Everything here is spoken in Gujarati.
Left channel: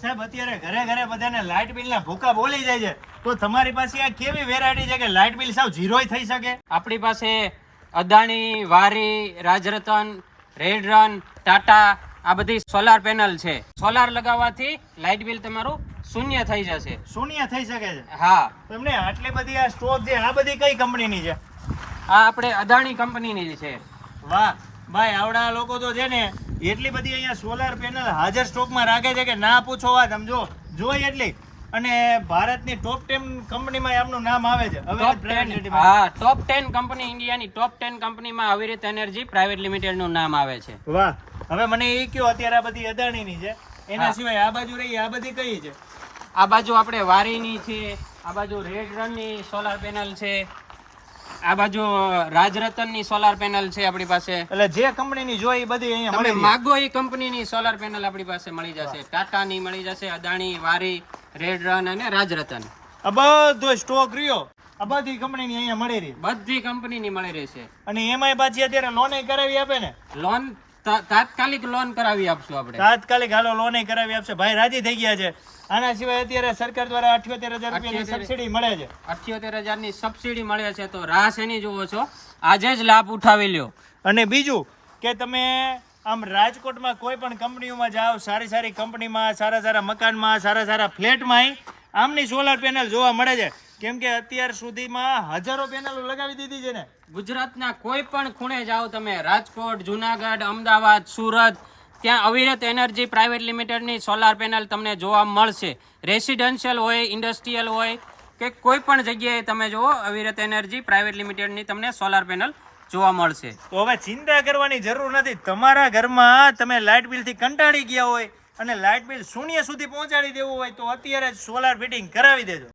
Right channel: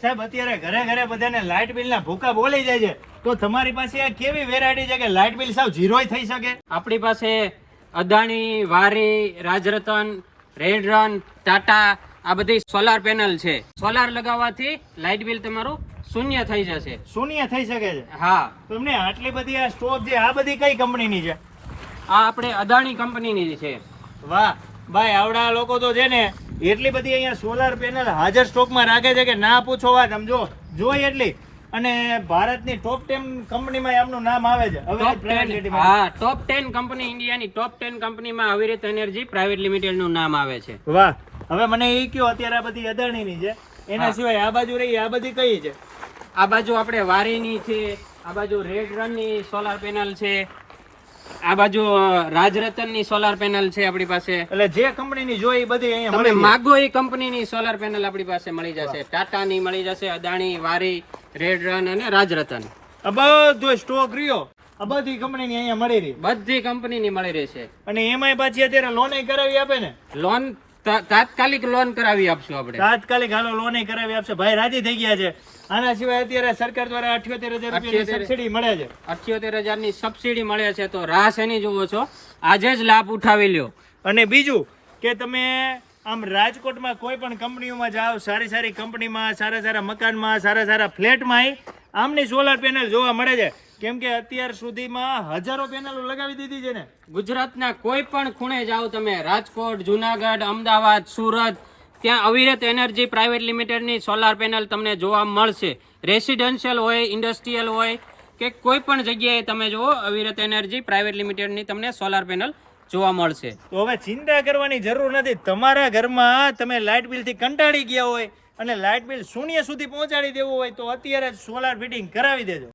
સાહેબ અત્યારે ઘરે ઘરે બધાને લાઇટ બિલના ભૂકા બોલી જાય છે. તો તમારી પાસે આ કેવી વેરાયટી છે કે લાઇટ બિલ સાવ ઝીરો થઈ શકે? આપણી પાસે અદાણી વારી રાજરતન રેડ રન ટાટા આ બધી સોલાર પેનલ છે. સોલાર લગાવવાથી લાઇટ બિલ તમારું શૂન્ય થઈ જશે. શૂન્ય થઈ શકે છે? હા. તમને આટલી બધી આ સ્ટોક છે આ બધી કઈ કંપનીની છે? આ આપણે અદાણી કંપનીની છે. વાહ. ભાઈ આવડા લોકો તો છે ને એટલી બધી અહીંયા સોલાર પેનલ હાજર સ્ટોકમાં રાખે છે કે ના પૂછો વાત સમજો? જોઈ એટલી. અને ભારતની ટોપ ટેન કંપનીમાં એમનું નામ આવે છે. હવે ટોપ private 10 limited માં. હા ટોપ ટેન કંપની ઇન્ડિયાની ટોપ ટેન કંપનીમાં અવિરત એનર્જી પ્રાઇવેટ લિમિટેડનું નામ આવે છે. વાહ. હવે મને એ કયો અત્યારે આ બધી અદાણીની છે. એના સિવાય આ બાજુ રહી આ બધી કઈ છે? આ બાજુ આપણે વારીની છે આ બાજુ રેડ રનની સોલાર પેનલ છે આ બાજુ રાજરતનની સોલાર પેનલ છે આપણી પાસે. એટલે જે કંપનીની જોઈ એ બધી અહીંયા તમે માગો એ કંપનીની સોલાર પેનલ આપણી પાસે મળી જશે. ટાટાની મળી જશે અદાણી વારી રેડ રન અને રાજરતન. બધો સ્ટોક રહ્યો. આ બધી કંપનીની અહીંયા મળી રહી. બધી કંપનીની મળી રહી છે. અને એમાંય પાછી અત્યારે લોન કરાવી આપે ને? લોન તાત્કાલિક લોન કરાવી આપશું આપણે. તાત્કાલિક હાલો લોન કરાવી આપશે. ભાઈ રાજી થઈ ગયા છે. આના સિવાય અત્યારે સરકાર દ્વારા અઠ્યોતેર હજાર રૂપિયાની સબસિડી મળે છે. અઠ્યોતેર હજારની સબસિડી મળે છે તો રાહ શેની જુઓ છો. આજે જ લાભ ઉઠાવી લ્યો. અને બીજું કે તમે આમ રાજકોટમાં કોઈ પણ કંપનીઓમાં જાઓ સારી સારી કંપનીમાં સારા સારા મકાનમાં સારા સારા ફ્લેટમાં આમની સોલાર પેનલ જોવા મળે છે. કેમ કે અત્યાર સુધીમાં હજારો પેનલો લગાવી દીધી છે ને. ગુજરાતના કોઈ પણ ખૂણે જાઓ તમે રાજકોટ જુનાગઢ અમદાવાદ સુરત ત્યાં અવિરત એનર્જી પ્રાઇવેટ લિમિટેડની સોલાર પેનલ તમને જોવા મળશે. રેસિડેન્શિયલ હોય, ઇન્ડસ્ટ્રીયલ હોય કે કોઈ પણ જગ્યાએ તમે જુઓ, અવિરત એનર્જી પ્રાઇવેટ લિમિટેડની તમને સોલાર પેનલ જોવા મળશે. તો હવે ચિંતા કરવાની જરૂર નથી. તમારા ઘરમાં તમે લાઇટ બિલથી કંટાળી ગયા હોય અને લાઇટ બિલ શૂન્ય સુધી પહોંચાડી દેવું હોય તો અત્યારે જ સોલાર ફિટિંગ કરાવી દેજો.